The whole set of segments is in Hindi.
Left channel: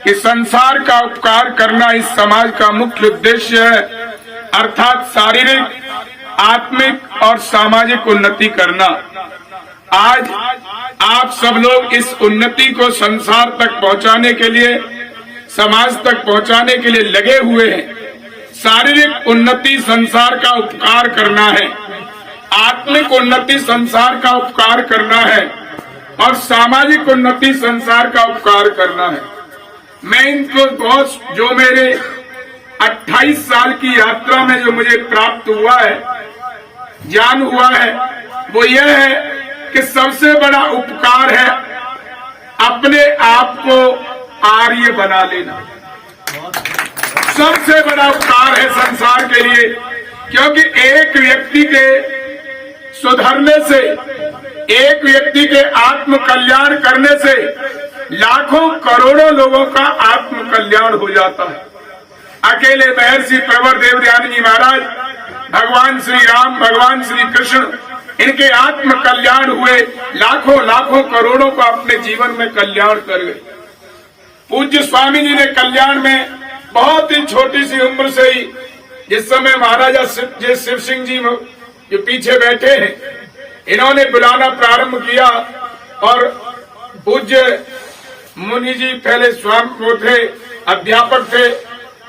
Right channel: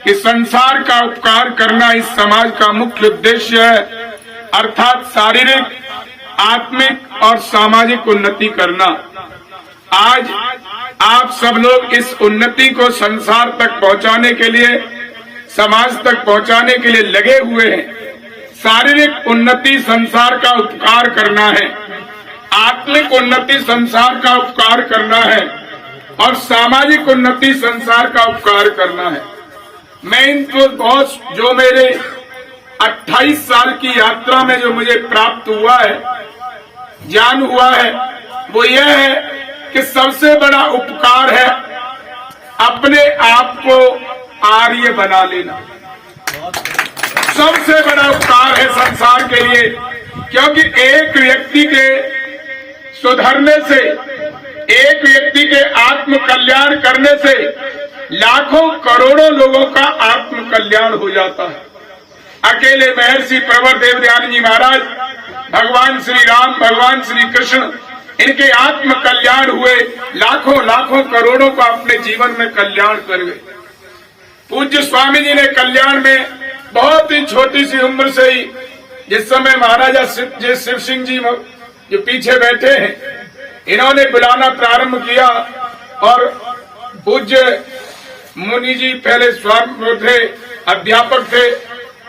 कि संसार का उपकार करना इस समाज का मुख्य उद्देश्य है, अर्थात शारीरिक, आत्मिक और सामाजिक उन्नति करना। आज आप सब लोग इस उन्नति को संसार तक पहुंचाने के लिए, समाज तक पहुंचाने के लिए लगे हुए हैं। शारीरिक उन्नति संसार का उपकार करना है, आत्मिक उन्नति संसार का उपकार करना है और सामाजिक उन्नति संसार का उपकार करना है। मैं इनको बहुत, जो मेरे 28 साल की यात्रा में जो मुझे प्राप्त हुआ है, ज्ञान हुआ है, वो ये है कि सबसे बड़ा उपकार है अपने आप को आर्य बना लेना। सबसे बड़ा उपकार है संसार के लिए, क्योंकि एक व्यक्ति के सुधरने से, एक व्यक्ति के आत्म कल्याण करने से लाखों करोड़ों लोगों का आत्म कल्याण हो जाता है। अकेले महर्षि प्रवर देवदयानी जी महाराज, भगवान श्री राम, भगवान श्री कृष्ण, इनके आत्म कल्याण हुए, लाखों लाखों करोड़ों का अपने जीवन में कल्याण कर गए। पूज्य स्वामी जी ने कल्याण में बहुत ही छोटी सी उम्र से ही, जिस समय महाराजा शिव सिंह जी जो पीछे बैठे हैं, इन्होंने बुलाना प्रारंभ किया और पूज्य मुनि जी पहले स्वामी थे, अध्यापक थे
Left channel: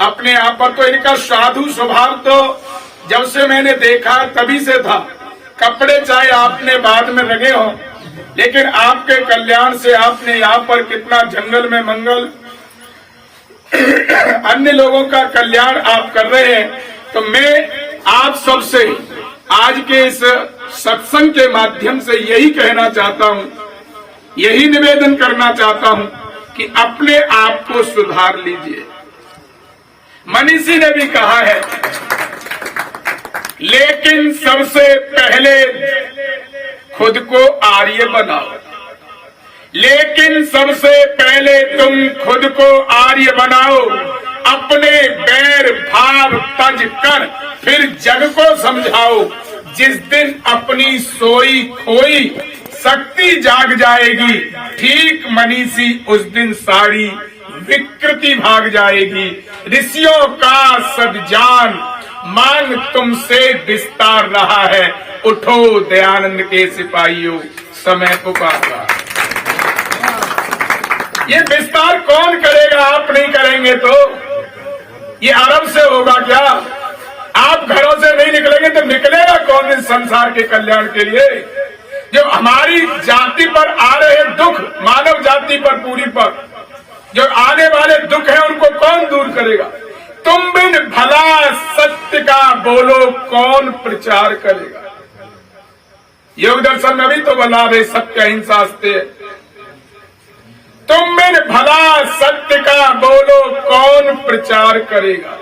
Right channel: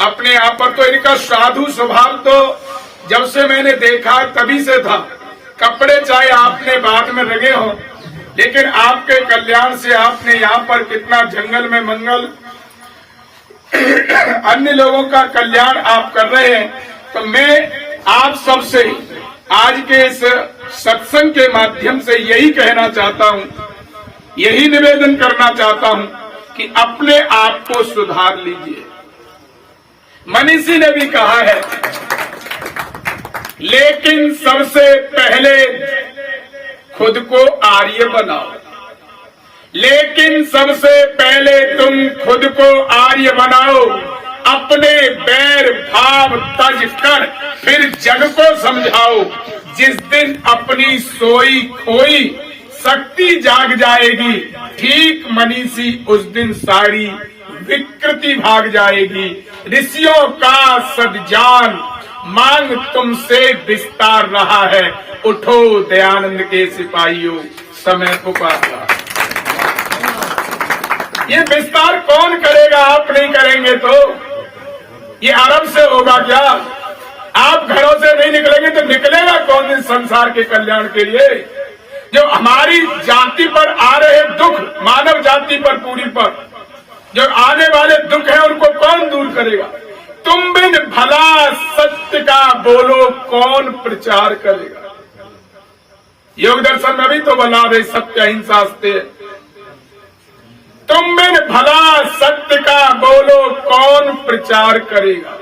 अपने आप पर, तो इनका साधु स्वभाव तो जब से मैंने देखा तभी से था। कपड़े चाहे आपने बाद में रंगे हो, लेकिन आपके कल्याण से आपने यहाँ पर कितना जंगल में मंगल, अन्य लोगों का कल्याण आप कर रहे हैं। तो मैं आप सबसे आज के इस सत्संग के माध्यम से यही कहना चाहता हूँ, यही निवेदन करना चाहता हूँ कि अपने आप को सुधार लीजिए। मनीषी ने भी कहा है, लेकिन सबसे पहले खुद को आर्य बनाओ। लेकिन सबसे पहले तुम खुद को आर्य बनाओ, अपने बैर भाव तज कर फिर जग को समझाओ। जिस दिन अपनी सोई खोई शक्ति जाग जाएगी, ठीक मनीषी उस दिन सारी विकृति भाग जाएगी। ऋषियों का सद्जान मांग तुमसे विस्तार रहा है, उठो दयानंद के सिपाहियों, समय पुकार रहा। ये विस्तार कौन करेगा? आप नहीं करेंगे तो ये आरंभ से होगा क्या? आप घरों से नहीं निकलेंगे तो निकलेगा कौन इस संसार के कल्याण के लिए? जो हमारी जाति पर आ रहे दुख, मानव जाति पर, पूरी पर जो आने वाले दुख है, उनको कौन दूर करेगा? तुम बिन भला सत्य का बोलो कौन प्रचार करेगा? योग दर्शन में भी तो बोला रहे सत्य अहिंसा अस्ते। तुम बिन भला सत्य का बोलो कौन प्रचार करेगा?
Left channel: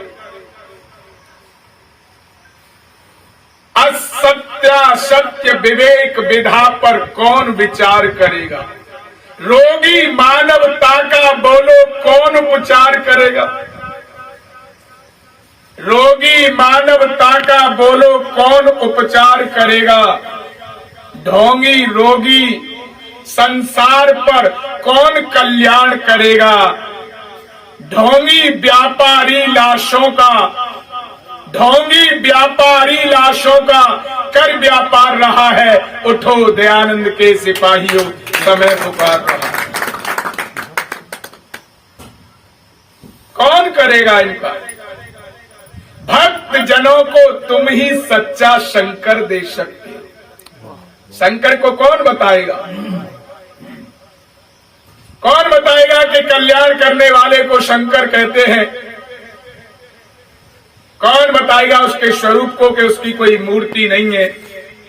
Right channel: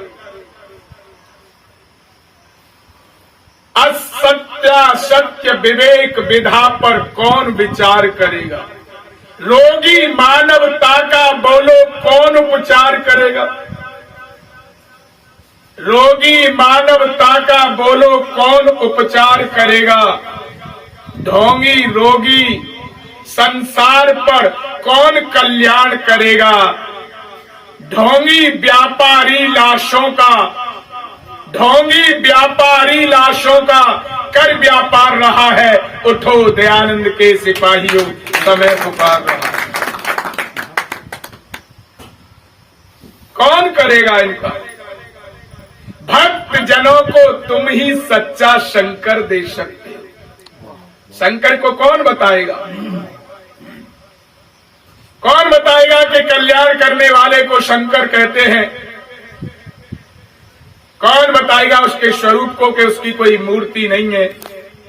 असत्य विवेक विधा पर कौन विचार करेगा? रोगी मानवता का बोलो कौन उपचार करेगा? रोगी मानवता का बोलो कौन उपचार करेगा? ढोंगी रोगी संसार पर कौन कल्याण करेगा? ढोंगी व्यापारी लाशों का, ढोंगी व्यापारी लाशों का कर व्यापार रहा है, उठो दयानंद के सिपाहियों, समय पुकार रहा है। कौन करेगा इनका? भक्त जनों को तुम ही सच्चा शंकर दे सकते हो। शंकर को कौन बताएगा? कौन बताएगा कि कल्याण करने वाले को शंकर कहते हैं? कौन बताएगा उसके स्वरूप को कि उसकी कोई मूर्ति नहीं है?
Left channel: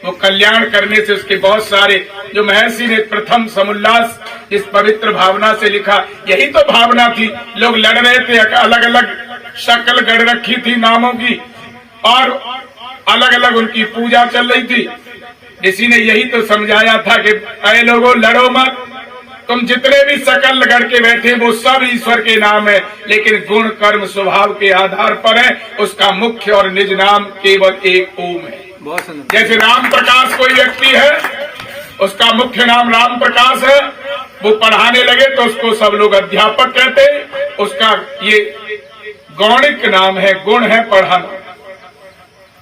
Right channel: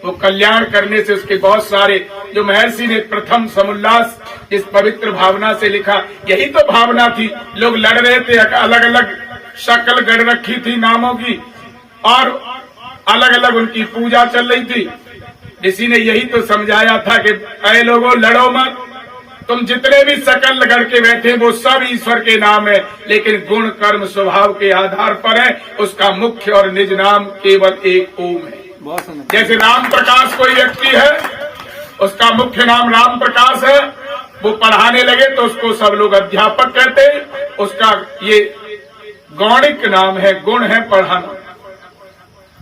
वो कल्याण करने से उसके बहुत सारे, जो महर्षि ने प्रथम समुल्लास इस पवित्र भावना से लिखा, यही तो भावना थी। लोग लड़ रहे थे, अलग अलग शक्ल गढ़ रखी थी नामों की और अलग अलग उनकी पूजा चल रही थी। ऋषि ने यही तो समझाया था कि ऐ लोगों लड़ो मत, तुम जितने भी शकल गढ़ के बैठे वो सब ईश्वर के नाम है, लेकिन गुण कर्म स्वभाव के आधार पर है। उसका मुख्य और निज नाम केवल एक ओम है। जैसे राम प्रकाश कोई व्यक्ति है, उसका मुख्य नाम राम प्रकाश है, वो पढ़ाने लगे तो उसको सब लोग अध्यापक कहते हैं। उसका ये गौणिक नाम है, गुण है पढ़ाना।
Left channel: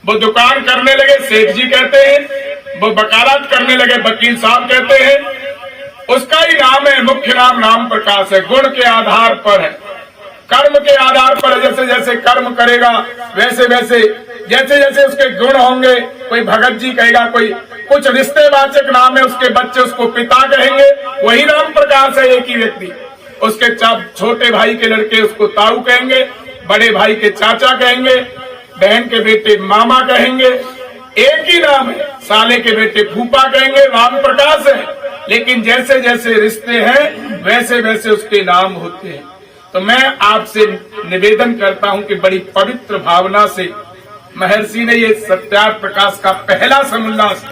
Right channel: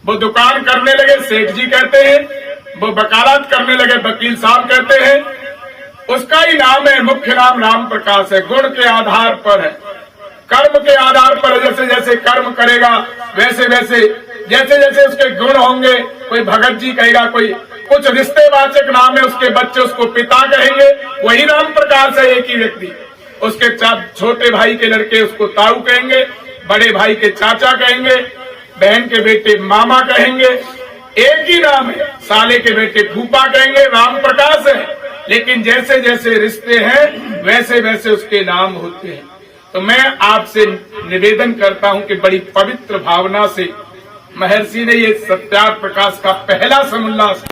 वो दुकान करने लगे, सेठ जी कहते हैं। वो वकालत करने लगे, वकील साहब कहते हैं। उसका ही नाम है, मुख्य नाम प्रकाश है। गुण के आधार पर है, कर्म के आधार पर। जैसे जैसे कर्म करेगा वैसे वैसे जैसे जैसे उसके गुण होंगे। कोई भगत जी कहेगा, कोई कुछ रिश्तेवाचक नाम है, उसके बच्चे उसको पिता कहेंगे, वही नाम प्रकाश है एक ही व्यक्ति। उसके छोटे भाई के लड़के उसको ताऊ कहेंगे, बड़े भाई के चाचा कहेंगे, बहन के बेटे मामा कहेंगे। एक ही नाम है। साले के बेटे फूफा कहेंगे, राम प्रकाश है। लेकिन जैसे जैसे रिश्ते हैं वैसे वैसे उसके नाम होते हैं। तो मैं आपसे निवेदन करता हूं कि बड़ी पवित्र भावना से महर्षि ने ये सत्यार्थ प्रकाश का पहला समोल्लास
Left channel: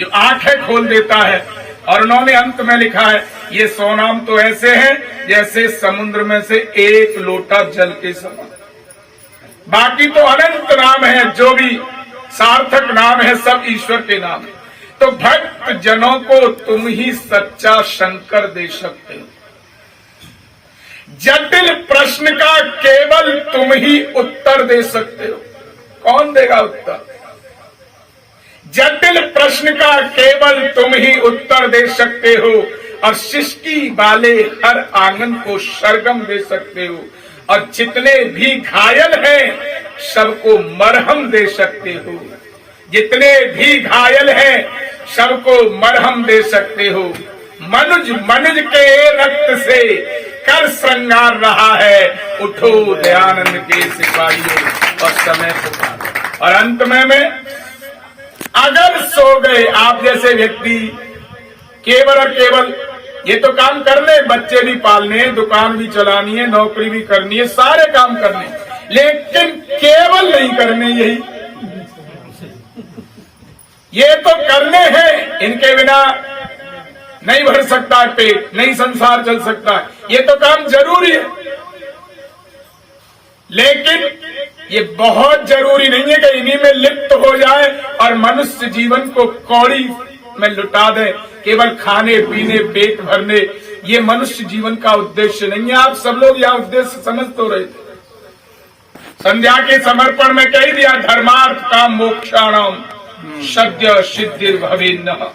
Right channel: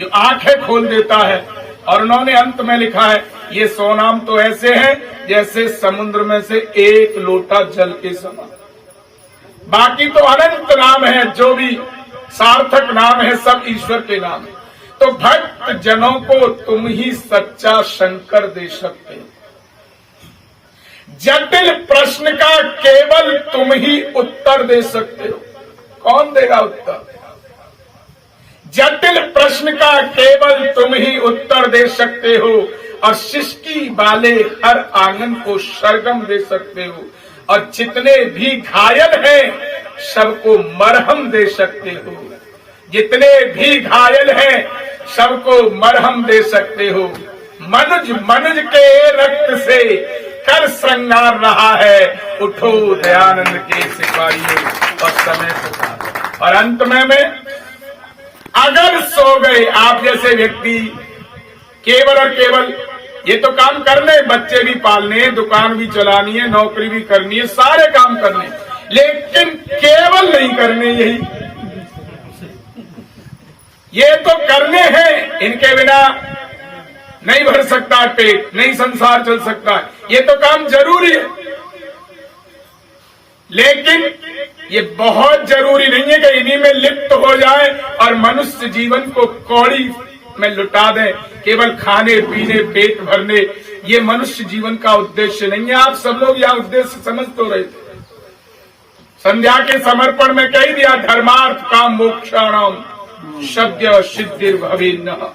जो आंखें खोल देता है, और उन्होंने अंत में लिखा है, ये 100 नाम तो ऐसे हैं जैसे समुद्र में से एक लोटा जल के समान। बाकी तो अनंत नाम है, जो भी सार्थक नाम है सब ईश्वर के नाम है। तो भक्त जनों को तुम ही सच्चा शंकर दे सकते हो। जटिल प्रश्न का केवल तुम ही उत्तर दे सकते हो। कौन देगा उत्तर? जटिल प्रश्न का केवल तुम ही उत्तर दे सकते हो, और सृष्टि वाले हर आंगन को सरगम दे सकते हो, और जितने भी घायल हैं सबको मरहम दे सकते हो। जितने भी घायल हैं सबको मरहम दे सकते हो। मनुज मनुज के रक्त से कर श्रृंगार रहा है, उठो दयानंद के सिपाहियों और समय पुकारो। और अंत में मैं, अगर सो गए आप जैसे व्यक्ति, केवल और केवल ये तो काम करने, बच्चे भी पालने, दुकान भी चलानी है, नौकरी भी करनी है, सारे काम करने, लेकिन केवल नहीं करने। ये तो करने हैं, इनके बिना नहीं भर सकता पेट, नहीं संसार चल सकता। ये तो काम जरूरी है, लेकिन ये बहुत जरूरी नहीं है कि इन्हीं में लिप्त हो जाए और मनुष्य जीवन को कौड़ी में लुटा दे, केवल खाने पीने पेट भरने। ये मनुष्य जीवन का उद्देश्य नहीं है। आप सब लोग यह उद्देश्य समझ तो रहे थे। संध्या के समर्पण में कह दिया, धर्मार्थ काम मोक्षाणाम सद्य सिद्धिर भवेन्नः।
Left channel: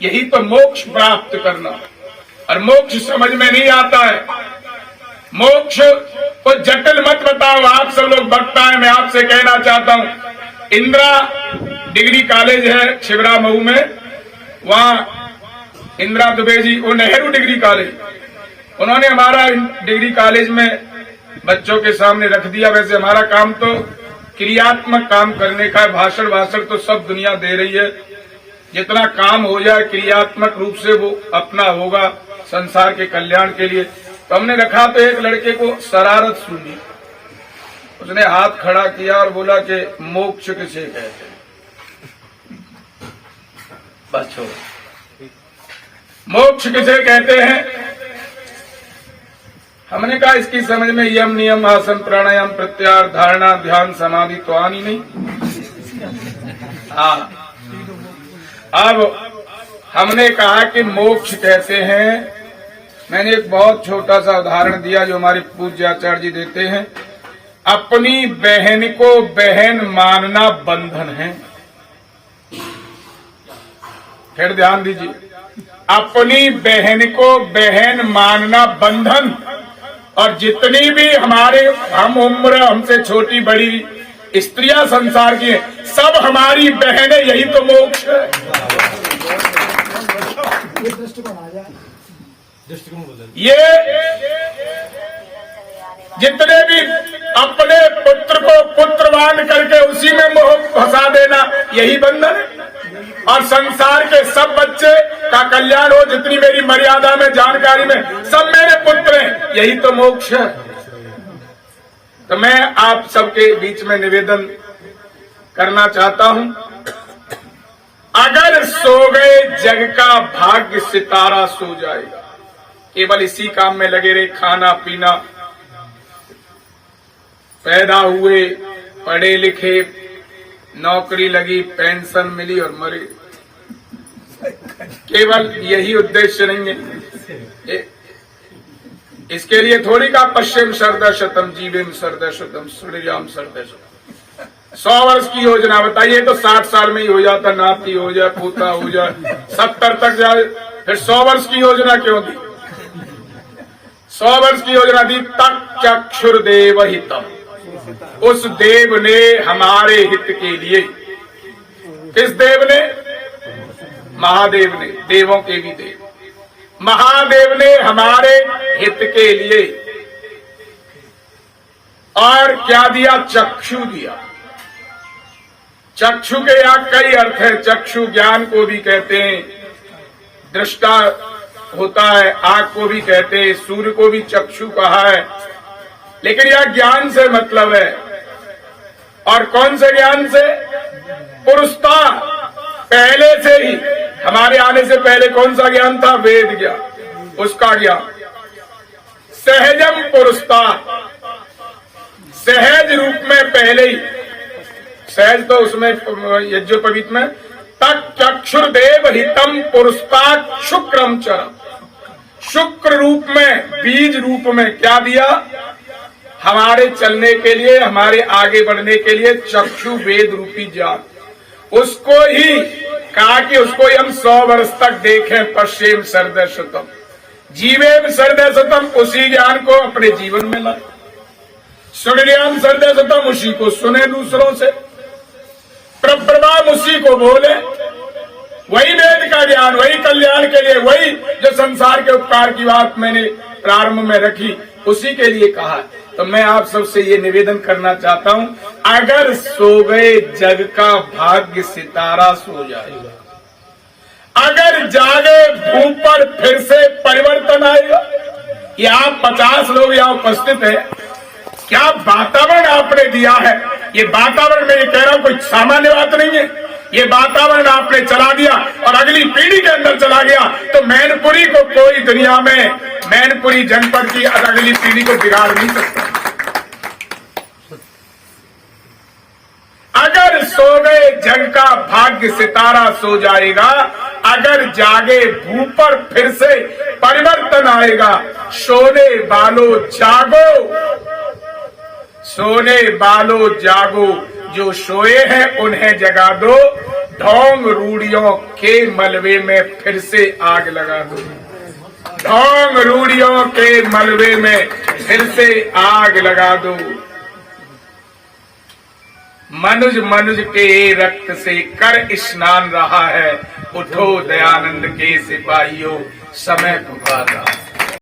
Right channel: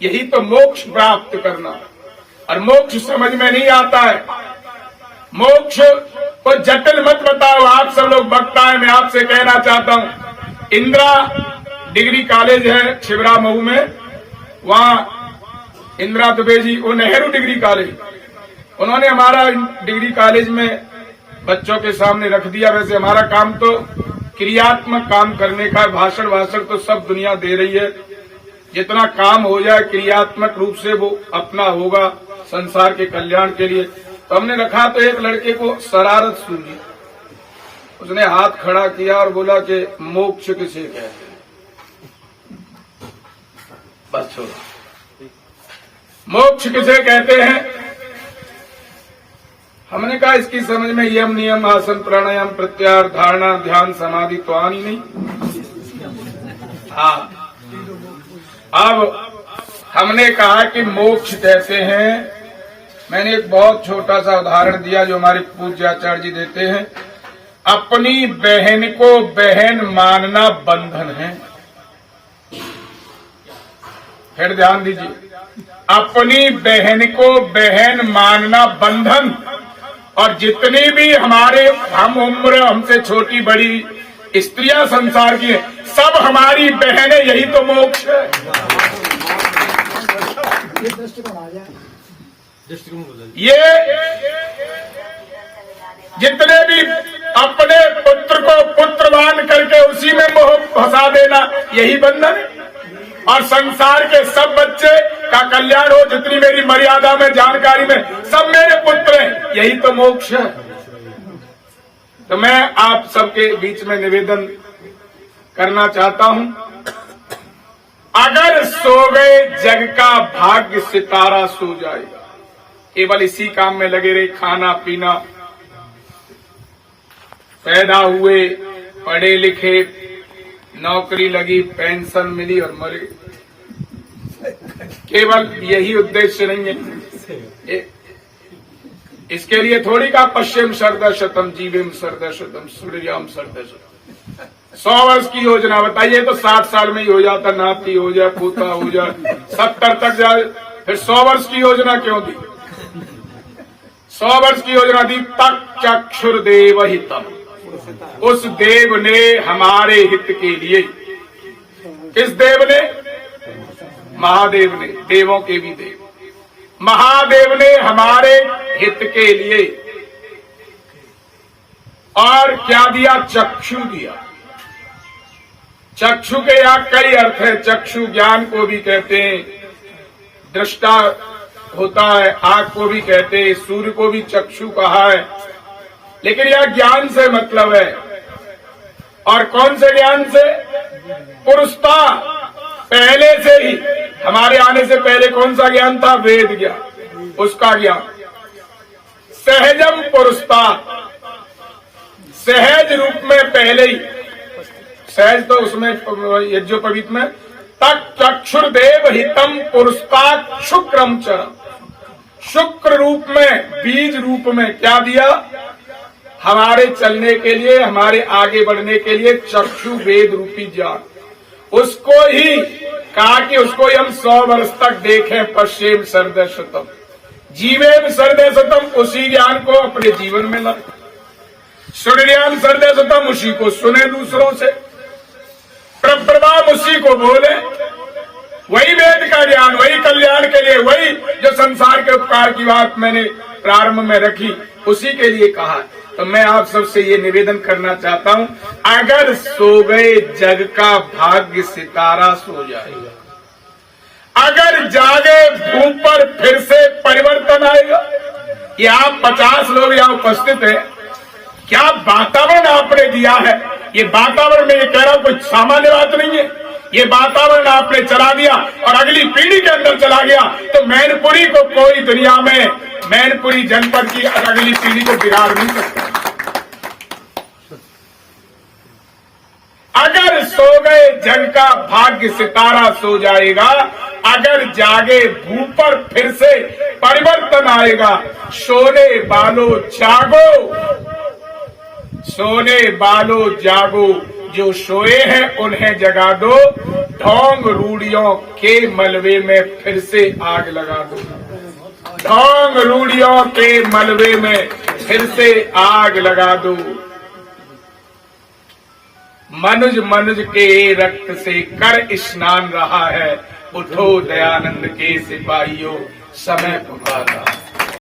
यही तो मोक्ष प्राप्त करना, और मोक्ष समझ में नहीं आता है। मोक्ष को जटिल मत बताओ। आप सब लोग वक्ता है, मैं आपसे कहना चाहता हूं, इंदिरा डिग्री कॉलेज है छिबरा मऊ में, वहां इंदिरा दुबे जी, वो नेहरू डिग्री कॉलेज, उन्होंने हमारा डिग्री कॉलेज में बच्चों के सामने रख दिया। वैसे हमारा काम तो क्रियात्मक काम करने का, भाषण तो सब दुनिया दे रही है। जितना काम हो जाए क्रियात्मक रूप से वो अपना होगा संसार के कल्याण के लिए। तो हमने रखा, तो एक लड़के को शरारत सुनी, उसने हाथ खड़ा किया और बोला कि मोक्ष किसे कहते हैं? बस छोड़ो, मोक्ष किसे कहते हैं? हमने कहा इसकी समझ में यम नियम आसन प्राणायाम प्रत्याहार धारणा ध्यान समाधि तो आनी नहीं। हाँ, अब हमने कहा कि मोक्ष कहते हैं, मैंने एक बहुत छोटा सा उदाहरण दिया जो हमारे पूज्य आचार्य जी देते हैं, अपनी बहन को बहन मानना बंधन है। फिर ध्यान दीजिए, अपनी बहन को बहन मानना बंधन, और जितनी भी हमारे हम उम्र हमसे छोटी बड़ी स्त्रियां संसार की है, सब हमारी बहनें, यही तो मोक्ष है। ये जितने भी अपने पुत्र को पुत्रवान करके उसी में मोह फंसा देना, यही बंधन है। और संसार के सब बच्चे का कल्याण हो, जितनी मेरी मर्यादा में जानकारी में सब मेरे पुत्र हैं, यही तो मोक्ष है। तो मैं आप सबके बीच में निवेदन करना चाहता हूं, अगर सो गए जग का भाग्य सितारा सो जाएगा। केवल इसी काम में लगे रहे, खाना पीना, पैदा हुए, पढ़े लिखे, नौकरी लगी, पेंशन मिली और मरे। केवल यही उद्देश्य नहीं है। इसके लिए थोड़ी का पश्चिम सर्द शतम जीवेम सर्द शतम सूर्याम सर्द शतम 100 वर्ष की योजना बताइए तो 60 साल में ही हो जाता, नाती हो जाए, पोता हो जाए, 70 तक जाए, फिर 100 वर्ष की योजना क्यों दी? 100 वर्ष की योजना दी तक चक्षुर्देव हितम, उस देव ने हमारे हित के लिए। किस देव ने? महादेव ने, देवों के भी देव। महादेव ने हमारे हित के लिए और क्या दिया? चक्षु दिया। चक्षु के यहाँ कई अर्थ है। चक्षु ज्ञान को भी कहते हैं, दृष्टा होता है, आंख को भी कहते हैं, सूर्य को भी चक्षु कहा है, लेकिन यह ज्ञान से मतलब है। और कौन से ज्ञान से? पुरुषता, पहले से ही, हमारे आने से पहले कौन सा ज्ञान था? वेद ज्ञान, उसका ज्ञान। सहजम पुरुषता, सहज रूप में पहले ही, सहज तो उसमें यज्ञोपवीत में तक चक्षुर्देव हितम पुरुषता शुक्रम चरम, शुक्र रूप में, बीज रूप में क्या दिया? हमारे चलने के लिए, हमारे आगे बढ़ने के लिए चक्षु वेद रूपी ज्ञान। उसको ही कहा कि उसको ही हम 100 वर्ष तक देखें। पश्चिम सर्द शतम जीवेम सर्द शतम, उसी ज्ञान को अपने जीवन में लाए। सूर्याम सर्द शतम, उसी को सुने दूसरों से, प्रभाव उसी को बोले। वही वेद का ज्ञान, वही कल्याण के लिए, वही जो संसार के उपकार की बात मैंने प्रारंभ में रखी, उसी के लिए कहा। तो मैं आप सबसे ये निवेदन करना चाहता हूं, अगर सो गए जग का भाग्य सितारा सो जाएगा, अगर जागे भूप पर फिर से परिवर्तन आएगा। यहाँ 50 लोग यहाँ उपस्थित है, क्या वातावरण आपने दिया है? ये वातावरण में ये कह रहा हूं कोई सामान्य बात नहीं है। ये वातावरण आपने चला दिया और अगली पीढ़ी के अंदर चला गया तो मैनपुरी को कोई दुनिया में, मैनपुरी जनपद की अगली पीढ़ी को बिगाड़ नहीं सकता। अगर सो गए जग का भाग्य सितारा सो जाएगा, अगर जागे भूप पर फिर से परिवर्तन आएगा। सोने वालों जागो, सोने वालों जागो, जो सोए हैं उन्हें जगा दो, ढोंग रूढ़ियों के मलबे में फिर से आग लगा दो, ढोंग रूढ़ियों के मलबे में फिर से आग लगा दो। मनुज मनुज के रक्त से कर स्नान रहा है, उठो दयानंद के सिपाहियों, समय पुकारा।